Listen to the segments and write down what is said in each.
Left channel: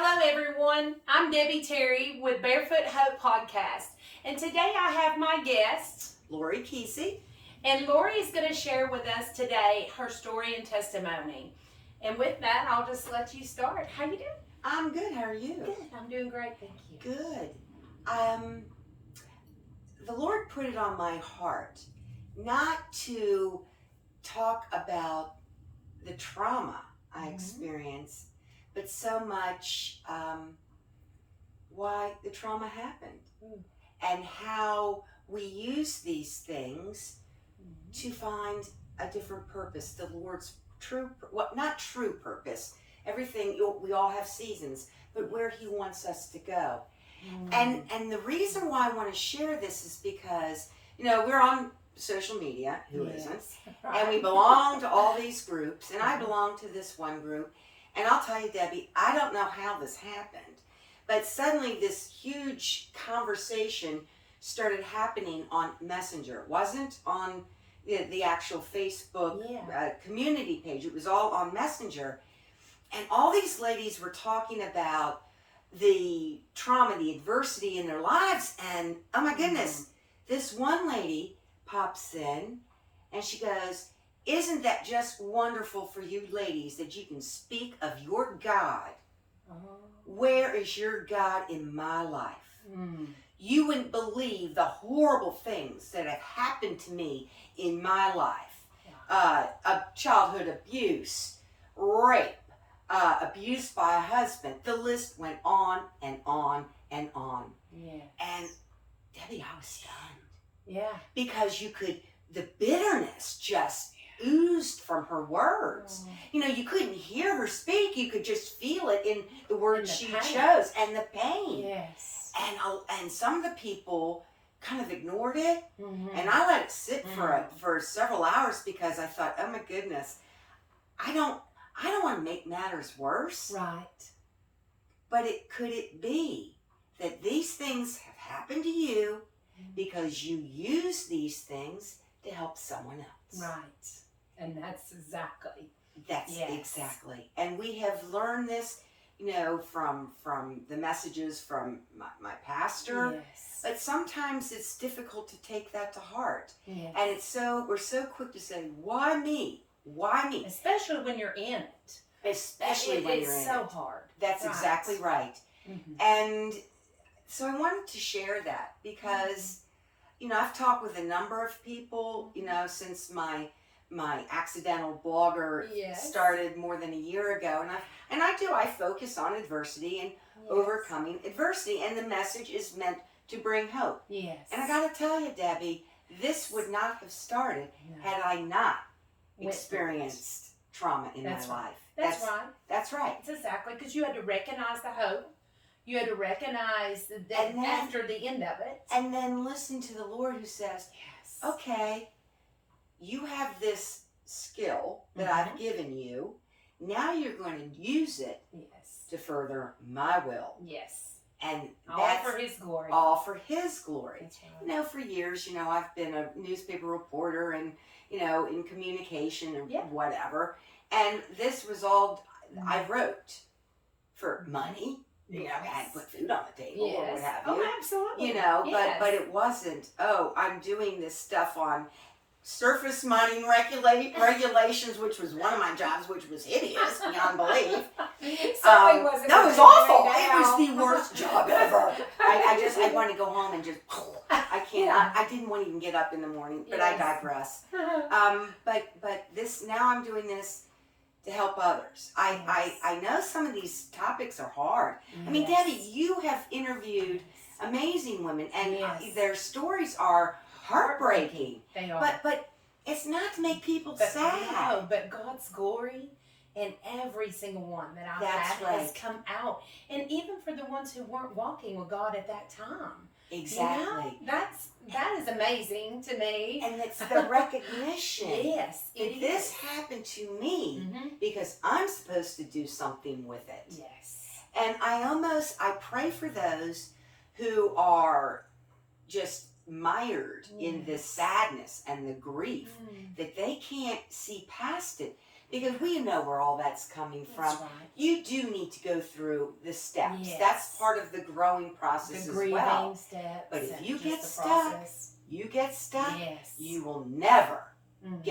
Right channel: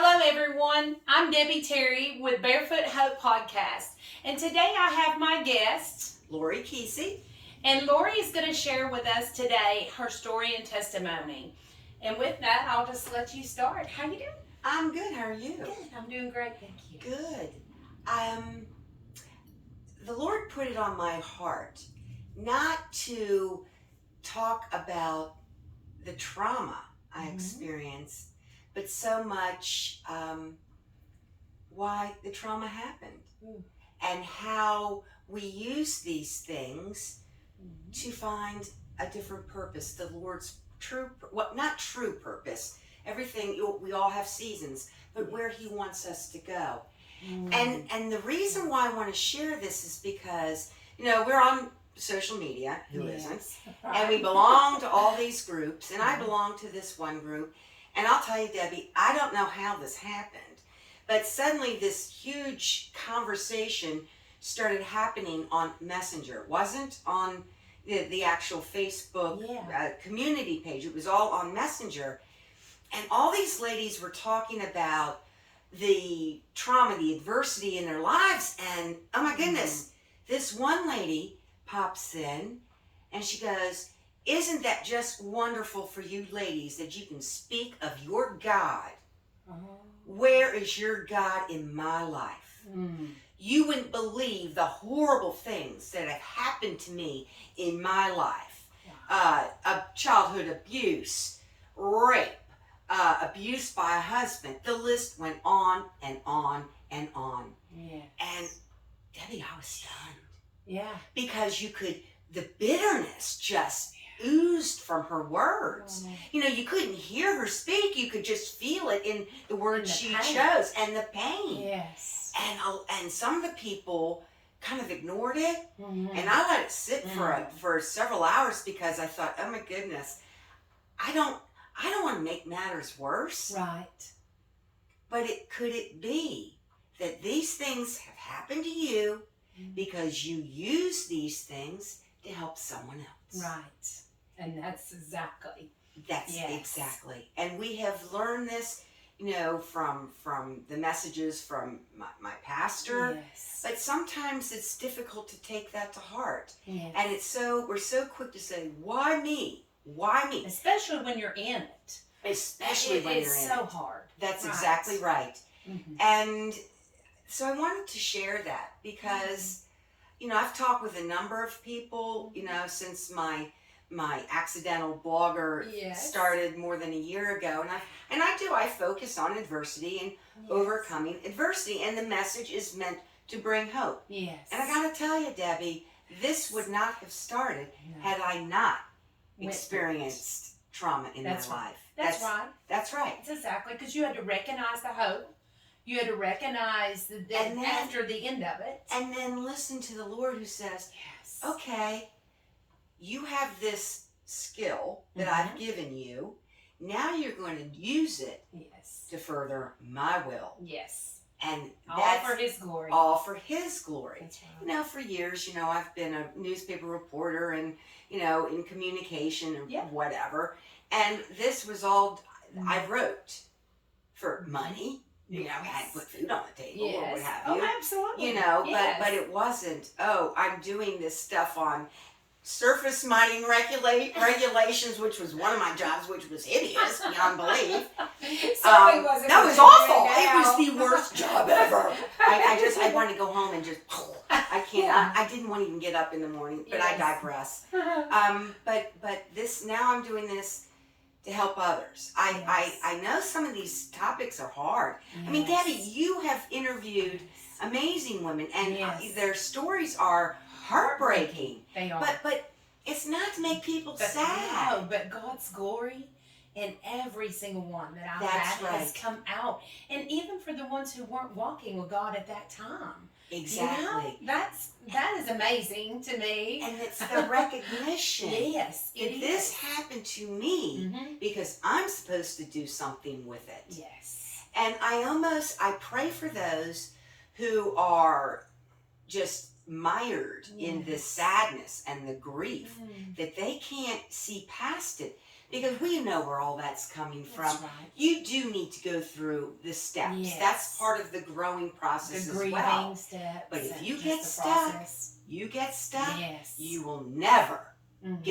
Hello, everyone. I'm Debbie Terry with Barefoot Hope Podcast. And today I have my guest, Lori Kesey. and Lori is going to share with us today her story and testimony. And with that, I'll just let you start. How you doing? I'm good. How are you? Good. I'm doing great, thank you. Good. The Lord put it on my heart not to talk about the trauma I experienced, but so much why the trauma happened and how we use these things to find a different purpose. The Lord's not true purpose. Everything, we all have seasons, but where He wants us to go. And the reason why I want to share this is because, we're on social media, who isn't? And we belong to all these groups, and I belong to this one group. And I'll tell you, Debbie, I don't know how this happened, but suddenly this huge conversation started happening on Messenger. It wasn't on the actual Facebook community page. It was all on Messenger. And all these ladies were talking about the trauma, the adversity in their lives. And oh my goodness, this one lady pops in and she goes, "Isn't that just wonderful for you ladies that you can speak of your God? Where is your God in my life? You wouldn't believe the horrible things that have happened to me in my life. Childhood abuse, rape, abuse by a husband." The list went on and on and on. Yeah. And Debbie, I was stunned. Yeah. Because the bitterness just oozed from her words. You couldn't hear her speak. You could just feel it in the words she chose and the pain. Yes. And some of the people kind of ignored it. And I let it sit for several hours because I thought, oh my goodness, I don't want to make matters worse. Right. But could it be that these things have happened to you because you use these things to help someone else? Right. And that's exactly. Exactly. And we have learned this, from the messages from my pastor. Yes. But sometimes it's difficult to take that to heart. Yes. And we're so quick to say, why me? Why me? Especially when you're in it. Especially when you're in it. It's so hard. That's exactly right. And so I wanted to share that because, I've talked with a number of people, since my accidental blogger started more than a year ago. And I focus on adversity and overcoming adversity. And the message is meant to bring hope. Yes. And I got to tell you, Debbie, this would not have started had I not experienced trauma in my life. That's right. That's right. It's exactly, because you had to recognize the hope. You had to recognize that after the end of it. And then listen to the Lord who says, okay, you have this skill that I've given you. Now you're going to use it to further my will. Yes. And that's all for His glory. All for His glory. That's right. For years, I've been a newspaper reporter and, in communication and whatever. And this was all I wrote for money. I had to put food on the table or what have you. Oh, absolutely. But it wasn't, I'm doing this stuff on surface mining regulations, which was one of my jobs, which was hideous beyond belief. Sorry, wasn't no, it was awful. It was the worst job ever. I wanted to go home and just, I can't. Yeah. I didn't want to even get up in the morning, but I digress. But this, now I'm doing this to help others. I know some of these topics are hard. I mean, Debbie, you have interviewed amazing women, and their stories are heartbreaking. They are. But it's not to make people sad. No, but God's glory in every single one that I've had has come out. And even for the ones who weren't walking with God at that time. Exactly. That is amazing to me. And it's the recognition. Yes, it this happened to me because I'm supposed to do something with it. Yes. And I pray for those who are just mired in this sadness and the grief that they can't see past it because we know where all that's coming from. That's right. You do need to go through the steps. Yes. That's part of the growing process The as grieving well. steps. But if and you just get the stuck, process. Yes. you will never Mhm.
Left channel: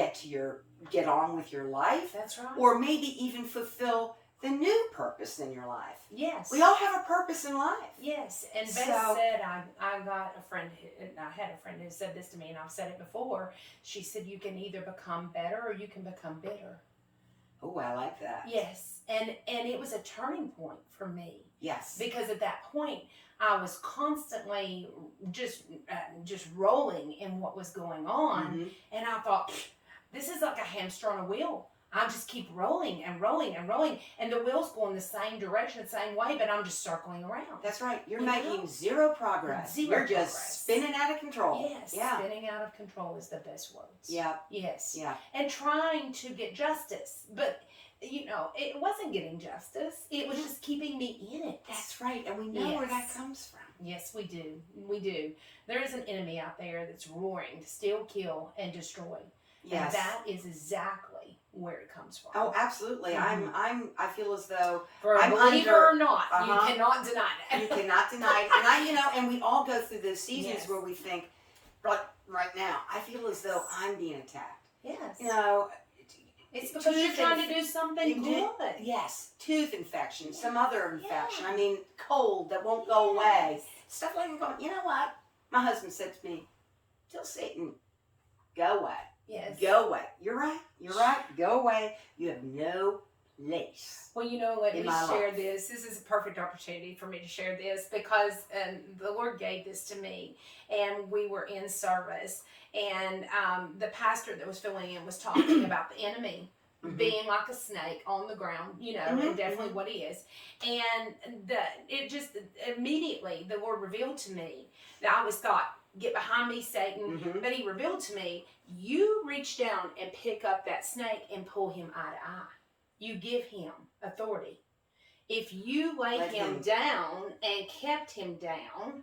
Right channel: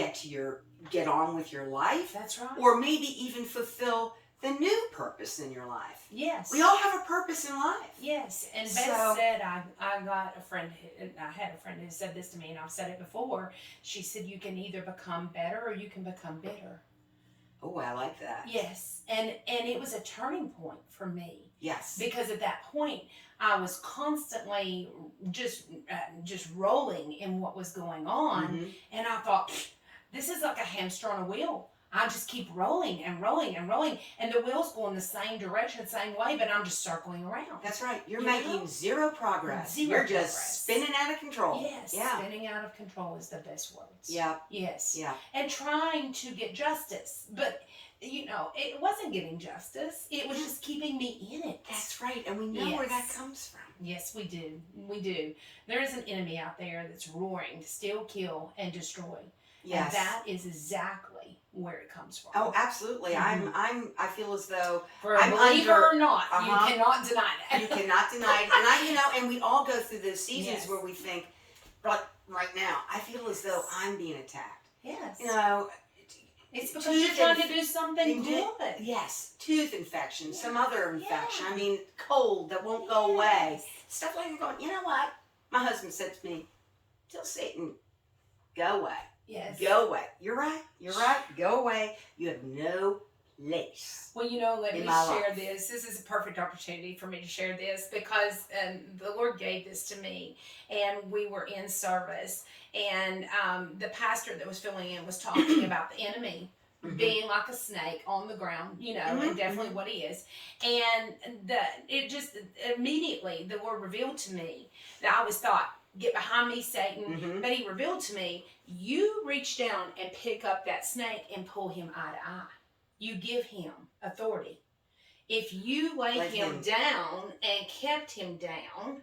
get on with your life, That's right. or maybe even fulfill the new purpose in your life. Yes. We all have a purpose in life. Yes, and Beth So- said, I got a friend, I had a friend who said this to me, and I've said it before. She said, you can either become better or you can become bitter. Oh, I like that. Yes, and it was a turning point for me, Yes. because at that point I was constantly just rolling in what was going on, Mhm. and I thought, this is like a hamster on a wheel. I just keep rolling and rolling and rolling, and the wheel's going the same direction, same way, but I'm just circling around. That's right. You're You making know? zero progress. Zero You're just progress. spinning out of control. Yes, Yeah. spinning out of control is the best words. Yeah. Yes. Yeah. And trying to get justice, but it wasn't getting justice. It was just keeping me in it. That's right. And we know where that Yes. comes from. Yes, we do. We do. There is an enemy out there that's roaring to steal, kill, and destroy. Yes. And that is exactly where it comes from. Oh, absolutely. Mhm. I feel as though For a I'm believer under- or not, you Uh-huh. cannot deny that. you cannot deny it. And and we all go through those seasons Yes. where we think, right now, I feel as though I'm being attacked. Yes. You know, It's because you're tooth trying to do something good. Yes, tooth infection, some other infection. Yeah. I mean, cold that won't go away. Yes. Stuff like that. Going, you know what? My husband said to me, "Tell Satan, go away. Yes. Go away." You're right. You're right. Go away. You have no place. Well, let In me my share life. this. This is a perfect opportunity for me to share this because the Lord gave this to me, and we were in service, and the pastor that was filling in was talking about the enemy Mhm. being like a snake on the ground, Mhm, and definitely what he is. And it just immediately the Lord revealed to me that I always thought, get behind me, Satan. Mhm. But he revealed to me, you reach down and pick up that snake and pull him eye to eye. You give him authority. If you lay Let him him- down and kept him down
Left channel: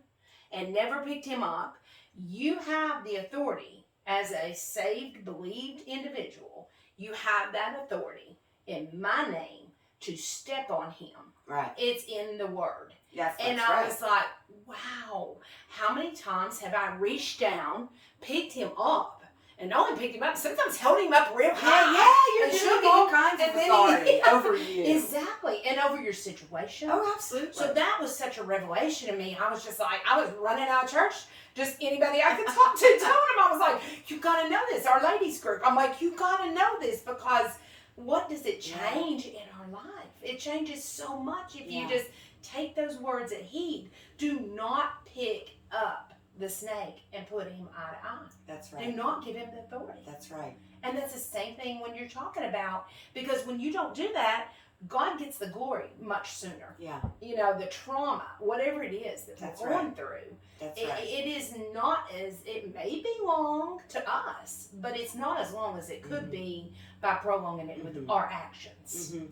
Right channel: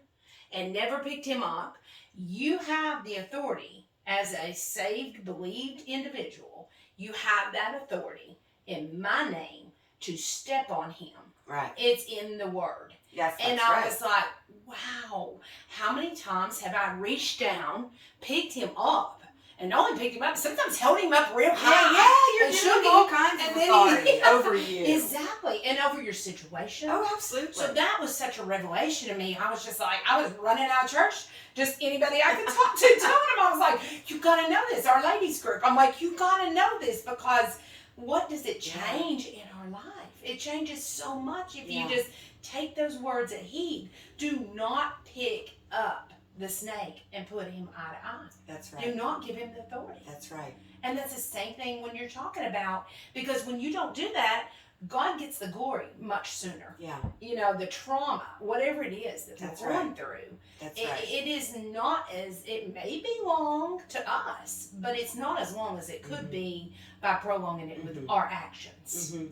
and never picked him up, you have the authority as a saved, believed individual. You have that authority in my name to step on him. Right. It's in the word. Yes, that's And I right. was like, wow, how many times have I reached down, picked him up, and not only picked him up, sometimes held him up real high. You're and doing shook all him, kinds of and then authority over you. Exactly. And over your situation. Oh, absolutely. So that was such a revelation to me. I was just like, I was running out of church. Just anybody I could talk to, telling them, I was like, you got to know this. Our ladies group. I'm like, you got to know this, because what does it change in our life? It changes so much if you Yeah. just take those words at heed. Do not pick up the snake and put him eye to eye. That's Do right. not give him the authority. That's right. And that's the same thing when you're talking about, because when you don't do that, God gets the glory much sooner. Yeah, The trauma, whatever it is that That's we're going through, that's it, right. it is not it may be long to us, but it's not as long as it could Mhm. be by prolonging it with Mhm. our actions. hmm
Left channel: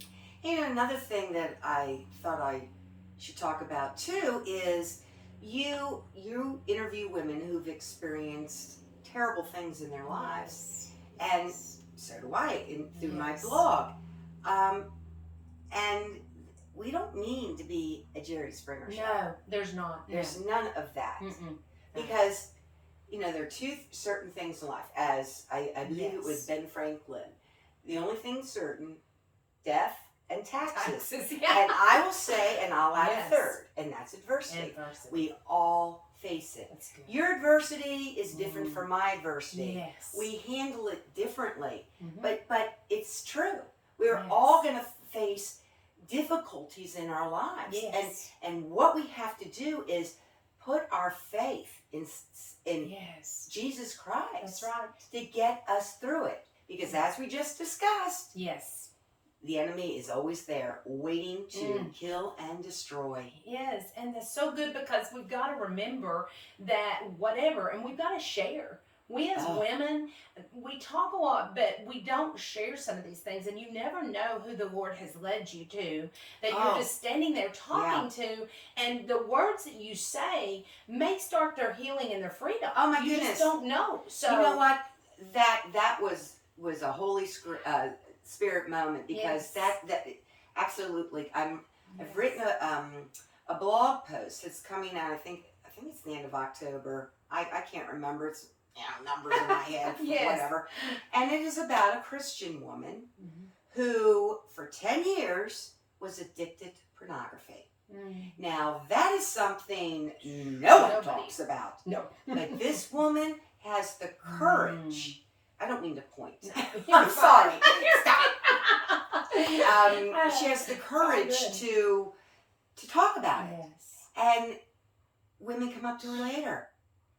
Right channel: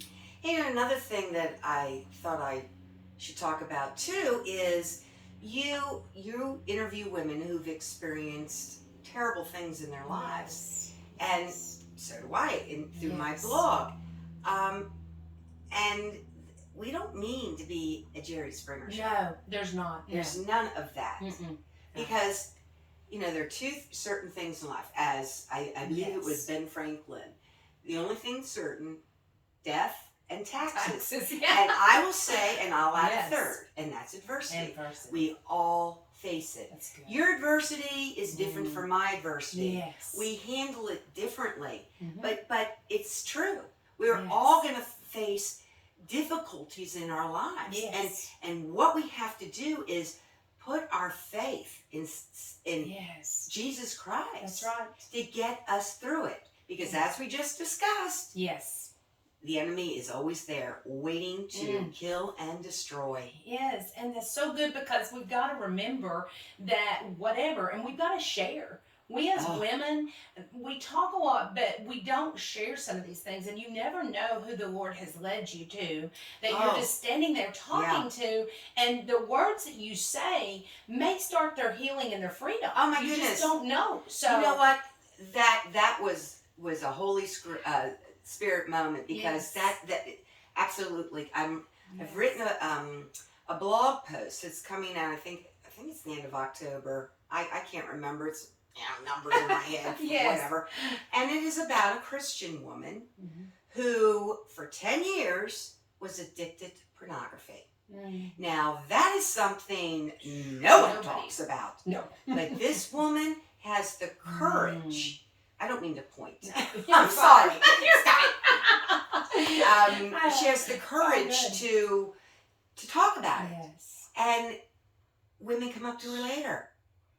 another thing that I thought I should talk about too is you interview women who've experienced terrible things in their lives, and so do I through my Yes. blog. And we don't mean to be a Jerry Springer show. No, there's not. There's none of that. Mm-mm. Because, there are two certain things in life. As I believe it was Yes. Ben Franklin. The only thing certain, death and taxes. Taxes, And yeah. I will say, and I'll add Yes. a third, and that's adversity. Adversity. We all face it. That's good. Your adversity is different Mm. from my adversity. Yes. We handle it differently. Mhm. But it's true. We're Yes. all going to face difficulties in our lives. Yes. And what we have to do is put our faith in Yes. Jesus Christ. That's right. To get us through it. Because as we just discussed, Yes. the enemy is always there waiting to kill and destroy. Yes, and that's so good, because we've got to remember that whatever, and we've got to share. We as Oh. women, we talk a lot, but we don't share some of these things, and you never know who the Lord has led you to, that you're Oh. just standing there talking to, and the words that you say may start their healing and their freedom. Oh, my you goodness. just don't know. So You know what? That was a holy Spirit moment, because Yes. that absolutely. I've written a blog post. It's coming out. I think it's the end of October. I can't remember. It's numbers in my head. Yes. Whatever. And it is about a Christian woman Mhm. who, for 10 years, was addicted to pornography. Mm. Now that is something no one Nobody. talks about. No. But this woman has the courage. I don't mean to point. You're I'm sorry. Stop. She has the courage good. to talk about it, Yes. and women come up to her later,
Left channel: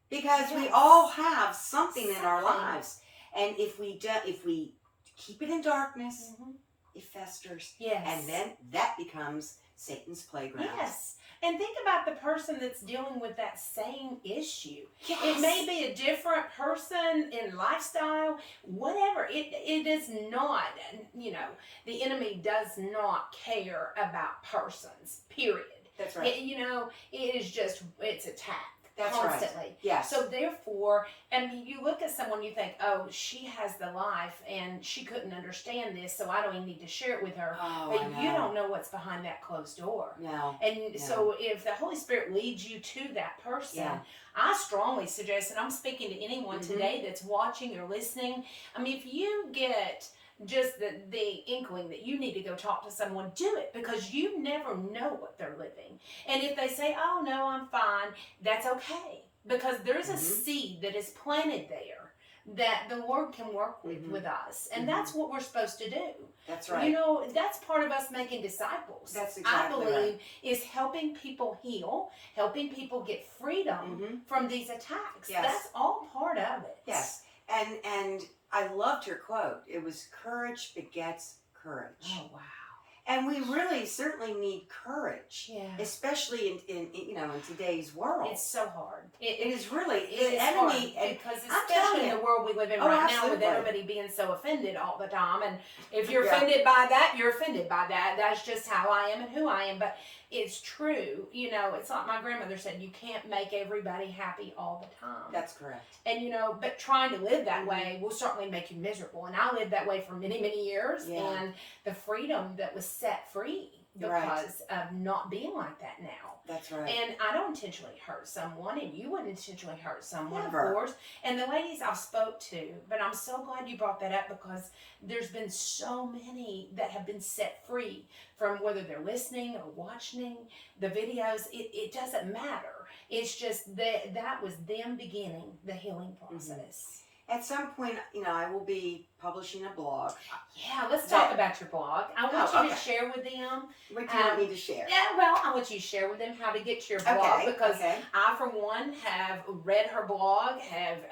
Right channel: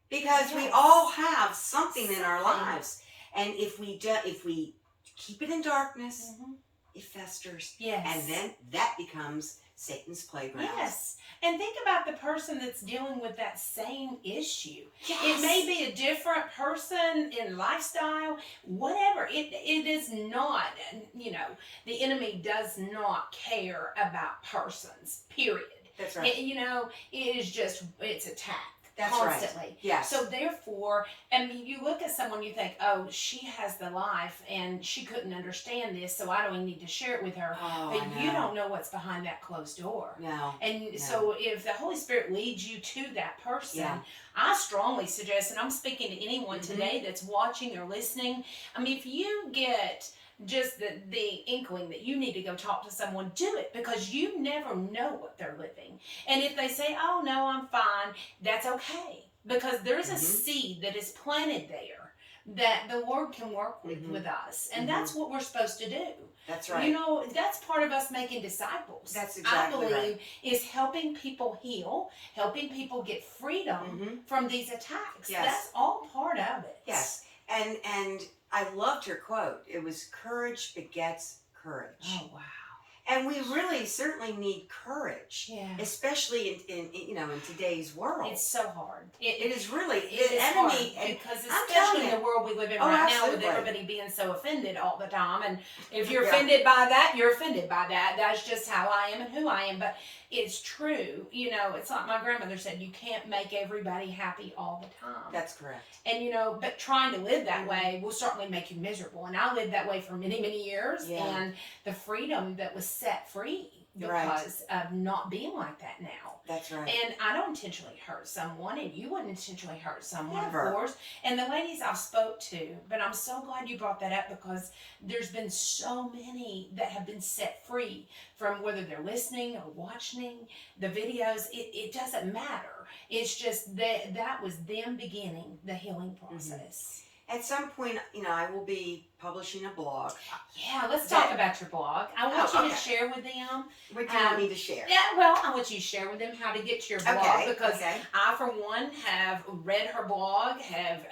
because we Yes. all have something in our Something. lives, and if we keep it in darkness, Mhm. it festers, Yes. and then that becomes Satan's playground. Yes. And think about the person that's dealing with that same issue. Yes. It may be a different person in lifestyle, whatever. It is not, the enemy does not care about persons, period. That's right. It is just, it's attack. That's constantly. right. Yes. So therefore, you look at someone, you think, oh, she has the life and she couldn't understand this, so I don't even need to share it with her. Oh, But I know. you don't know what's behind that closed door. No. And No. so if the Holy Spirit leads you to that person, Yeah. I strongly suggest, and I'm speaking to anyone Mhm. today that's watching or listening, if you get just the inkling that you need to go talk to someone, do it, because you never know what they're living. And if they say, oh no, I'm fine, that's okay, because there's a Mhm. seed that is planted there that the Lord can work with Mhm. with us, and Mhm. that's what we're supposed to do. That's right. That's part of us making disciples. That's exactly I believe is helping people heal, helping people get freedom Mhm. from these attacks. Yes. That's all part of it. Yes. And I loved her quote. It was, courage begets courage. Oh wow. And we really certainly need courage, Yeah. especially in today's world. It's so hard. It is really It the is enemy, hard, and because I'm especially telling in you. the world we live in Oh, right now, with absolutely. everybody being so offended all the time, and if you're Yeah. offended by that, you're offended by that. That's just how I am and who I am. But it's true. It's like my grandmother said, you can't make everybody happy all the time. That's correct. And but trying to live that Mhm. way will certainly make you miserable. And I lived that way for many, many years. Yeah. And the freedom that was set free Right. because of not being like that now. That's right. And I don't intentionally hurt someone, and you wouldn't intentionally hurt someone, Never. of course. And the ladies I've spoke to, but I'm so glad you brought that up, because there's been so many that have been set free from, whether they're listening or watching the videos. It doesn't matter. It's just that was them beginning the healing process. At some point, I will be publishing a blog. Yeah, let's talk about your blog. I want you to okay. share with them. What do you want me to share? Yeah, well, I want you to share with them how to get to your blog, because okay. I, for one, have read her blog, have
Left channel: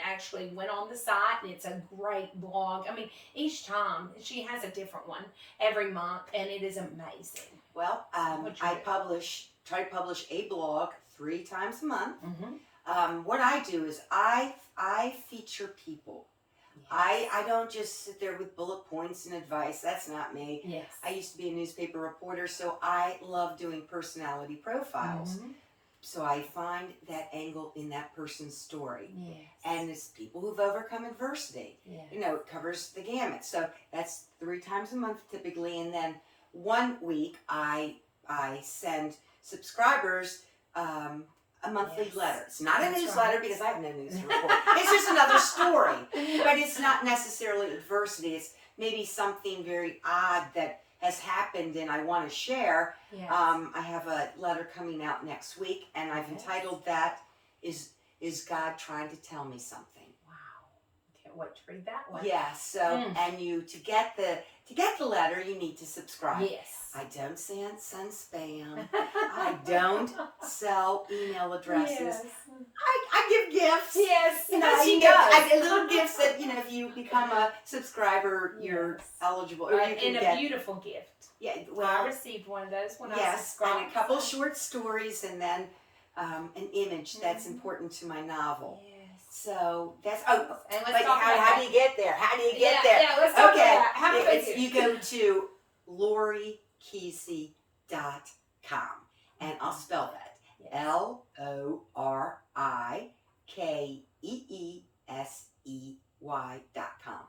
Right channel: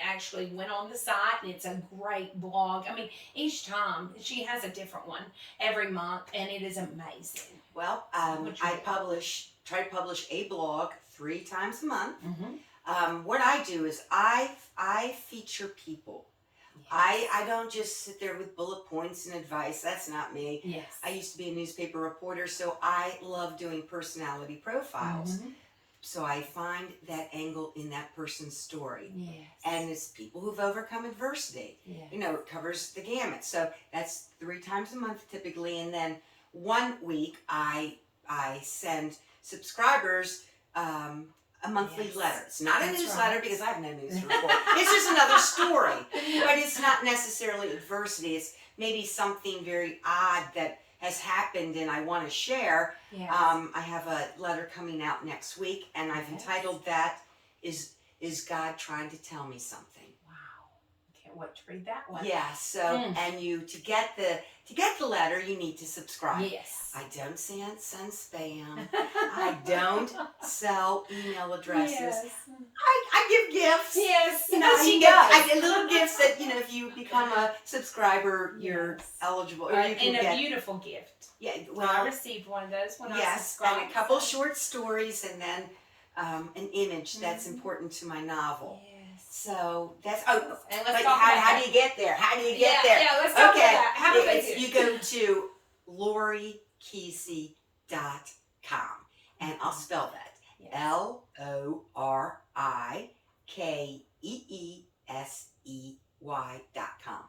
actually went on the site, and it's a great blog. Each time she has a different one every month, and it is amazing. Well, What'd you I do? try to publish a blog 3 times a month. Mm-hmm. What I do is I feature people. I don't just sit there with bullet points and advice. That's not me. Yes. I used to be a newspaper reporter, so I love doing personality profiles. Mm-hmm. So I find that angle in that person's story. Yes. And it's people who've overcome adversity. Yeah. It covers the gamut. So that's 3 times a month typically. And then one week I send subscribers a monthly Yes. letter. It's not That's a newsletter right. because I have no news to report. It's just another story. But it's not necessarily adversity. It's maybe something very odd that has happened and I want to share. Yes. I have a letter coming out next week, and I've Yes. entitled that, Is God Trying to Tell Me Something? Wow. Can't wait to read that one. Yeah, so and to get the letter, you need to subscribe. Yes. I don't send spam. I don't sell email addresses. Yes. I give gifts. Yes. I get little gifts that if you become a subscriber, you're Yes. eligible, or you can and a get. beautiful gift. Yeah, I well, received one of those when I yes, subscribed. and a couple short stories, and then an image that's Mhm. important to my novel. Yes. So that's And let's but talk how about do you get there? How do you get yeah, there? Yeah, let's talk Okay, about that. How do they do? you go to LoriKeesey.com, and I'll spell that Yes. LORIKEESEY.com.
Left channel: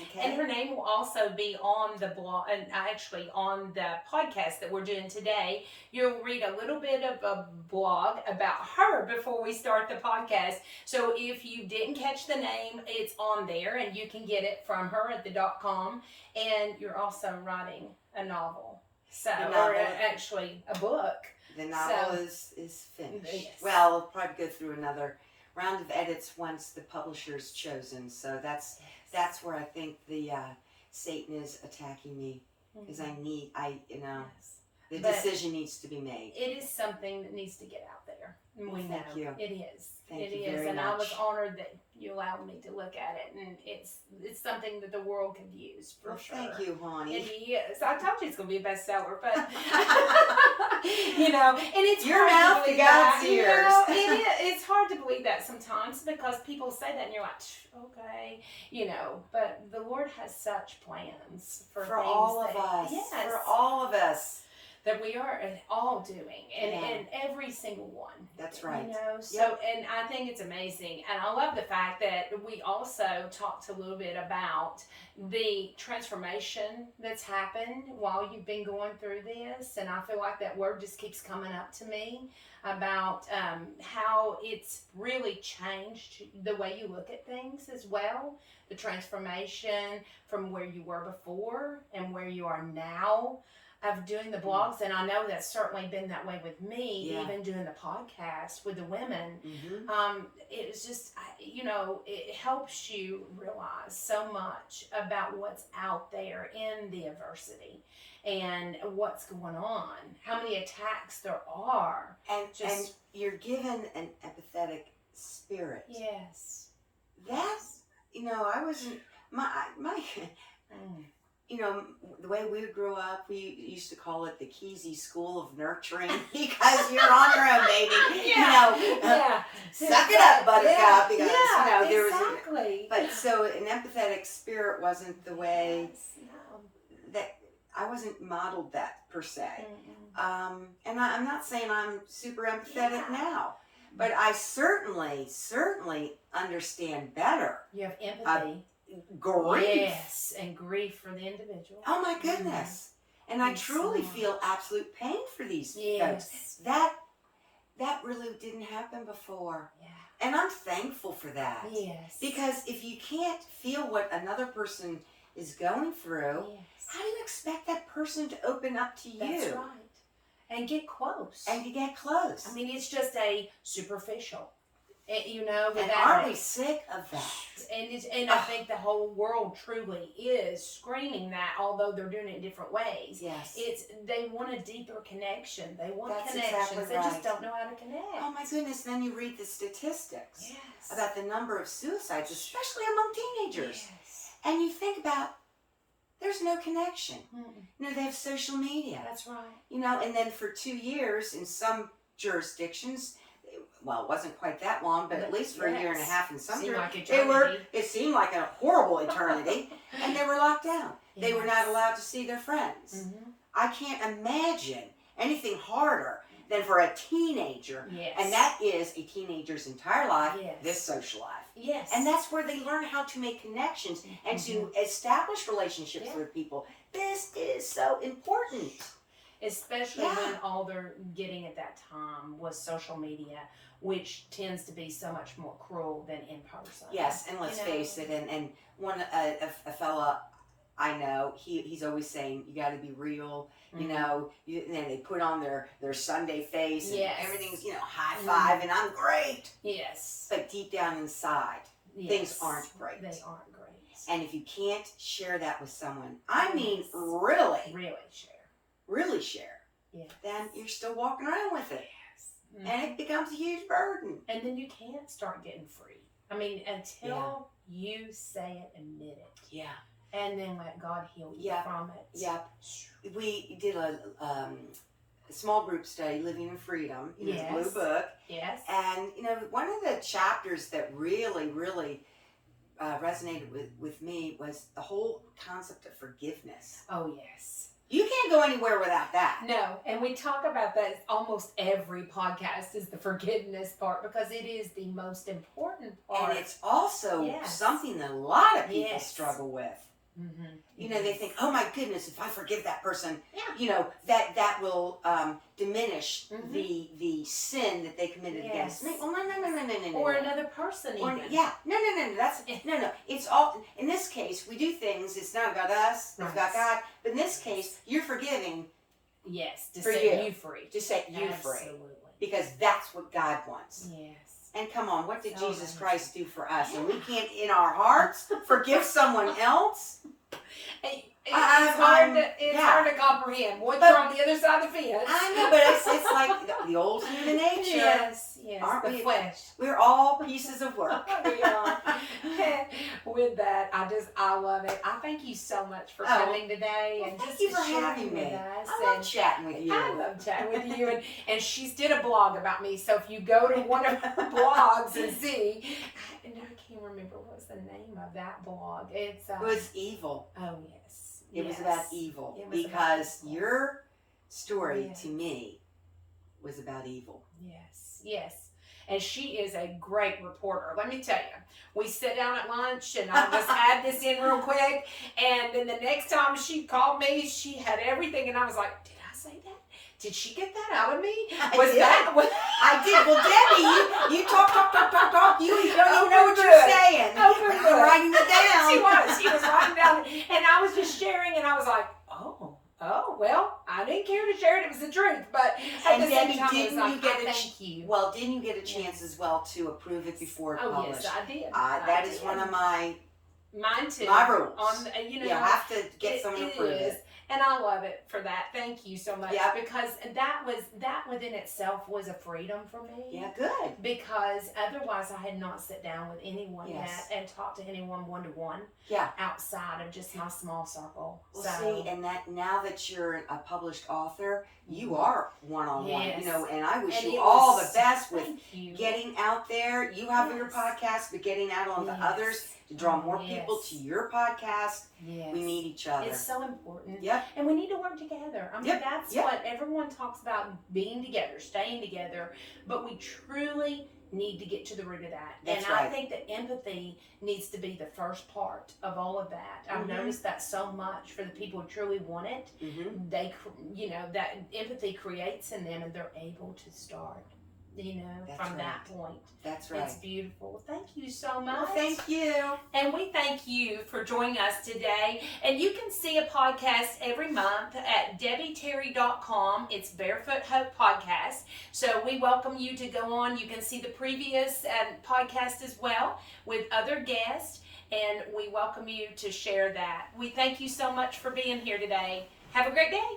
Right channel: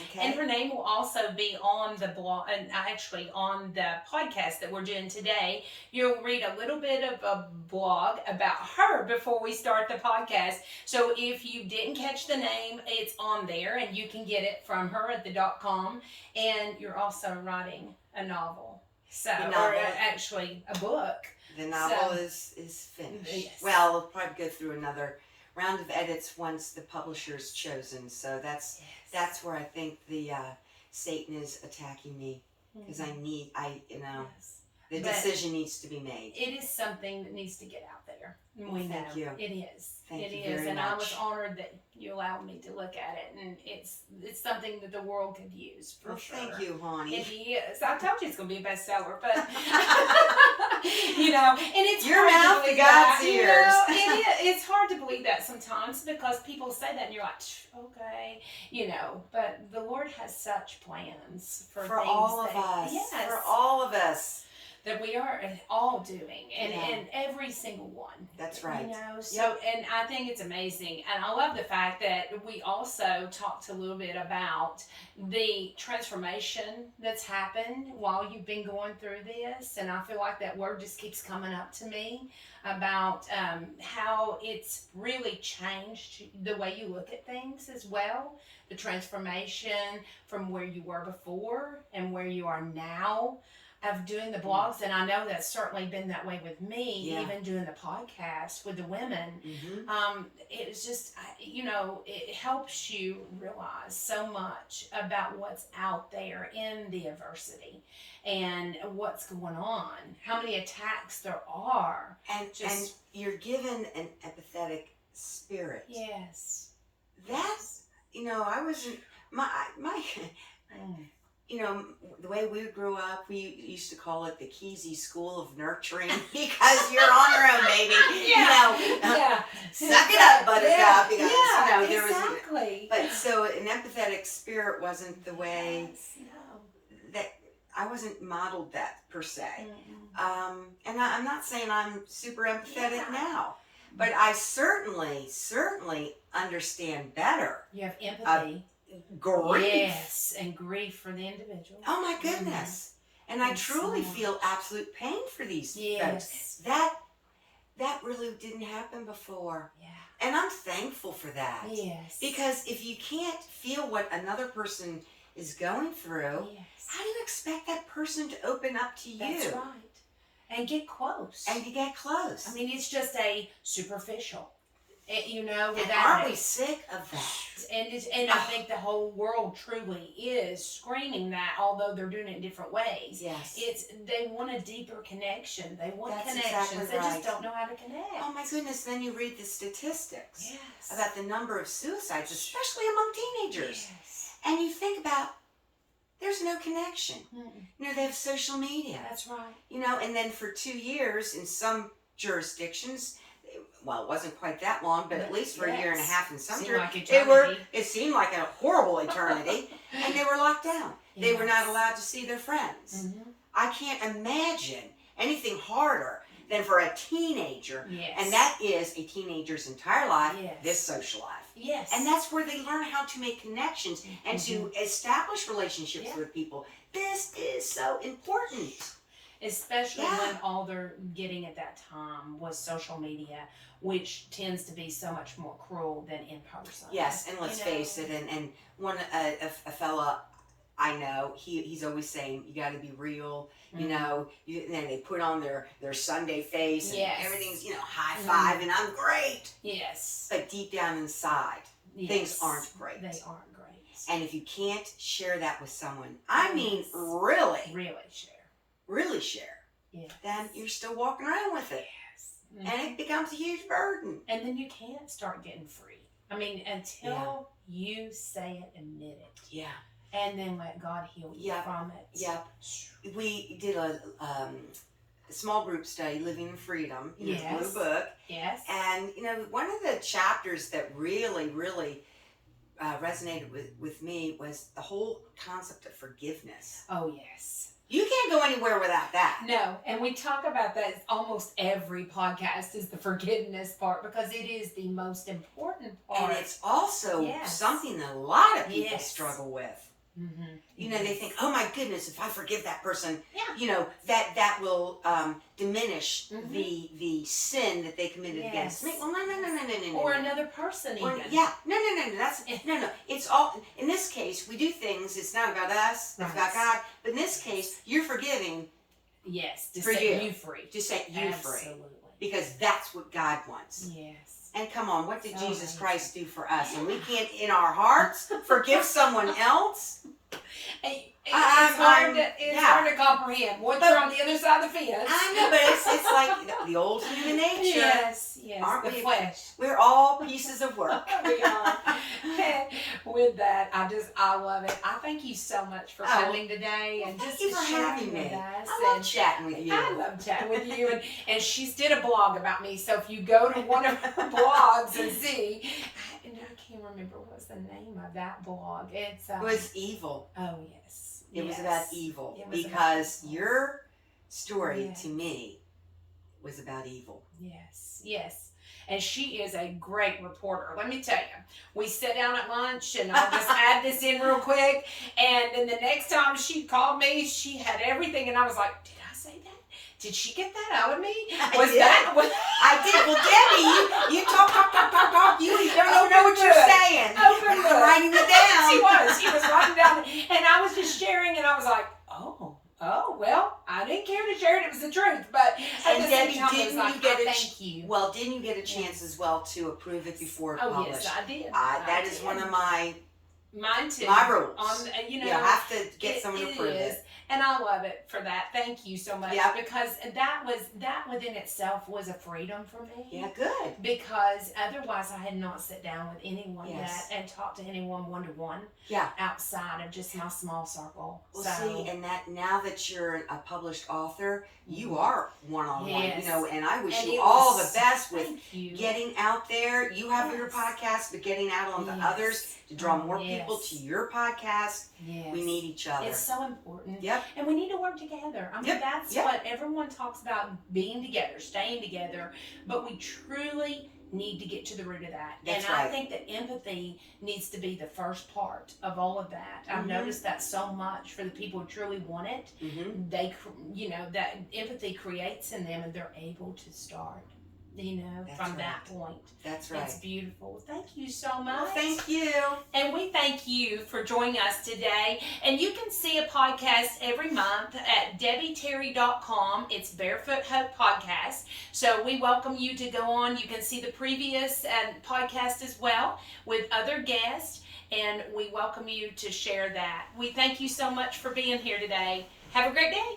Okay. And her name will also be on the blog, and actually on the podcast that we're doing today. You'll read a little bit of a blog about her before we start the podcast. So if you didn't catch the name, it's on there, and you can get it from her at the .com. And you're also writing a novel, so or actually a book. The novel is finished. Yes. Well, we'll probably go through another round of edits once the publisher's chosen. So that's where I think the Satan is attacking me, because the decision needs to be made. It is something that needs to get out there. We know Thank you. it is. Thank it you is, very and much. I was honored that you allowed me to look at it, and it's something that the world could use for sure. Thank you, honey. It is. I told you it's going to be a bestseller, but and it's your hard mouth to to believe God's that. ears. It is. It's hard to believe that sometimes because people say that, and you're like, okay, But the Lord has such plans for things all of us. Yes, For all of us. that we are all doing, and every single one. That's right. So and I think it's amazing, and I love the fact that we also talked a little bit about the transformation that's happened while you've been going through this, and I feel like that word just keeps coming up to me about how it's really changed the way you look at things as well. The transformation from where you were before and where you are now. Of doing the blogs, and I know that's certainly been that way with me, even doing the podcast with the women. Mm-hmm. It's just, it helps you realize so much about what's out there in the adversity and what's going on, how many attacks there are. And you're given an empathetic spirit. Yes. That's, I wasn't, my the way we grew up, we used to call it the Kesey School of Nurturing because you're on your own, baby. Suck it up, buttercup. Because, there was. Exactly. But so an empathetic spirit wasn't the way that I wasn't modeled that per se. And I'm not saying I'm super empathetic now, but I certainly understand better. You have empathy. Grief. Yes, and grief for the individual. Oh my goodness. And I truly feel absolute pain for these folks. That really didn't happen before. Yeah. And I'm thankful for that. Yes. Because if you can't feel what another person is going through, how do you expect that person to open up to you? That's right. And get close. And to get close. I mean, it's just a superficial. And aren't we sick of that? And I think the whole world truly is screaming that, although they're doing it in different ways. Yes. They want a deeper connection. They want That's connections. Exactly they right. just don't know how to connect. Oh my goodness, then you read the statistics about the number of suicides, especially among teenagers. Yes. And you think about, there's no connection. Mm-mm. They have social media. That's right. And then for 2 years in some jurisdictions, well, it wasn't quite that long, but at least for a year and a half in some jurisdictions, it seemed like a horrible eternity, and they were locked down. Yes. They were not allowed to see their friends. Mm-hmm. I can't imagine anything harder than for a teenager, and that is a teenager's entire life, this social life. Yes. And that's where they learn how to make connections and to establish relationships with people. This is so important. Especially when all they're getting at that time was social media, which tends to be so much more cruel than in person. Yes, and let's face it, and one a fella I know, he's always saying, you got to be real, and then they put on their Sunday face, and everything's, high five, and I'm great. Yes. But deep down inside, things aren't great. They aren't great. And if you can't share that with someone, I mean, really share, then you're still walking around with it. Mm-hmm. And it becomes a huge burden. And then you can't start getting free. I mean, until you say it, admit it. Yeah. And then let God heal you from it. Yep. We did a small group study, Living in Freedom, the Blue Book. Yes. And, one of the chapters that really, really resonated with me was the whole concept of forgiveness. Oh, yes. You can't go anywhere without that. No, and we talk about that almost every podcast is the forgiveness part because it is the most important part. And it's also something that a lot of people struggle with. Mm-hmm. You know, they think, oh my goodness, if I forgive that person, Yeah. you know, that will diminish the sin that they committed against me. Well, no. Or another person even. No. That's no. It's all in this case. We do things. It's not about us. It's about God. But in this case, you're forgiving. Yes, to for set you free. To set you free. Absolutely. Because that's what God wants. Yes. And come on, what did So Jesus amazing. Christ do for us? And we can't, in our hearts, forgive someone else? It's hard to comprehend. Once But- you're on the other side of the fence. I know, but it's like the old human nature. Yes, Aren't the we? flesh. We're all pieces of work. We are. With that, I love it. I thank you so much for coming today and Thank just you for sharing having with me. us. I love And chatting with you. I love chatting with you. And she's did a blog about me. So if you go to one of her blogs and see, and I can't remember what was the name of that blog. It's It was evil. oh yes, It was about evil. It was about Because evil. your story Yes. to me was about evil. Yes. And she is a great reporter. Let me tell you, we sit down at lunch, and I'll just add this in real quick. And then the next time she called me, she had everything, and I was like, "Did I say that? Did she get that out of me? Was did. that?" I did. Well, Debbie, you talk. You don't even know what you're good. saying. Open I'm book. writing it down. She was writing down, and I was just sharing, and I was like, oh, well, I didn't care to share it. It was the truth, but at And the same Debbie, time, it was didn't like, you get I a thank you. Well, didn't you get a chance as well to approve it before it's Oh published? yes, I did. That is one of mine too. my rules. You You know, have to get someone to approve is, it. and I love it for that. Thank you so much. Yep. Because that within itself was a freedom for me. Yeah, good. Because otherwise, I had not sat down with anyone Yes. and talked to anyone one-to-one. Yeah. Outside of just my small circle. Well, so, see, and that now that you're a published author, you are one-on-one. Yes. You know, and I wish And you it all was- the best with thank you. getting out there. You have your Yes. podcast, but getting out on the Yes. others to draw more Yes. people to your podcast. Yes. We need each other. It's so important. Yep. And we need to work together. I mean, Yep. that's Yep. what everyone talks about, being together, staying together. But we truly need to get to the root of that. That's and I right. think that empathy needs to be the first part of all of that. I've Mhm. noticed that so much for the people who truly want it. Mm-hmm. That empathy creates in them, and they're able to start, That's from right. that point. That's right. It's beautiful. Thank you so much. Well, thank you. And we thank you for joining us today. And you can see a podcast every month at debbieterry.com. It's Barefoot Hope Podcast. So we welcome you to go on. You can see the previous podcast as well with other guests. And we welcome you to share that. We thank you so much for being here today. Have a great day.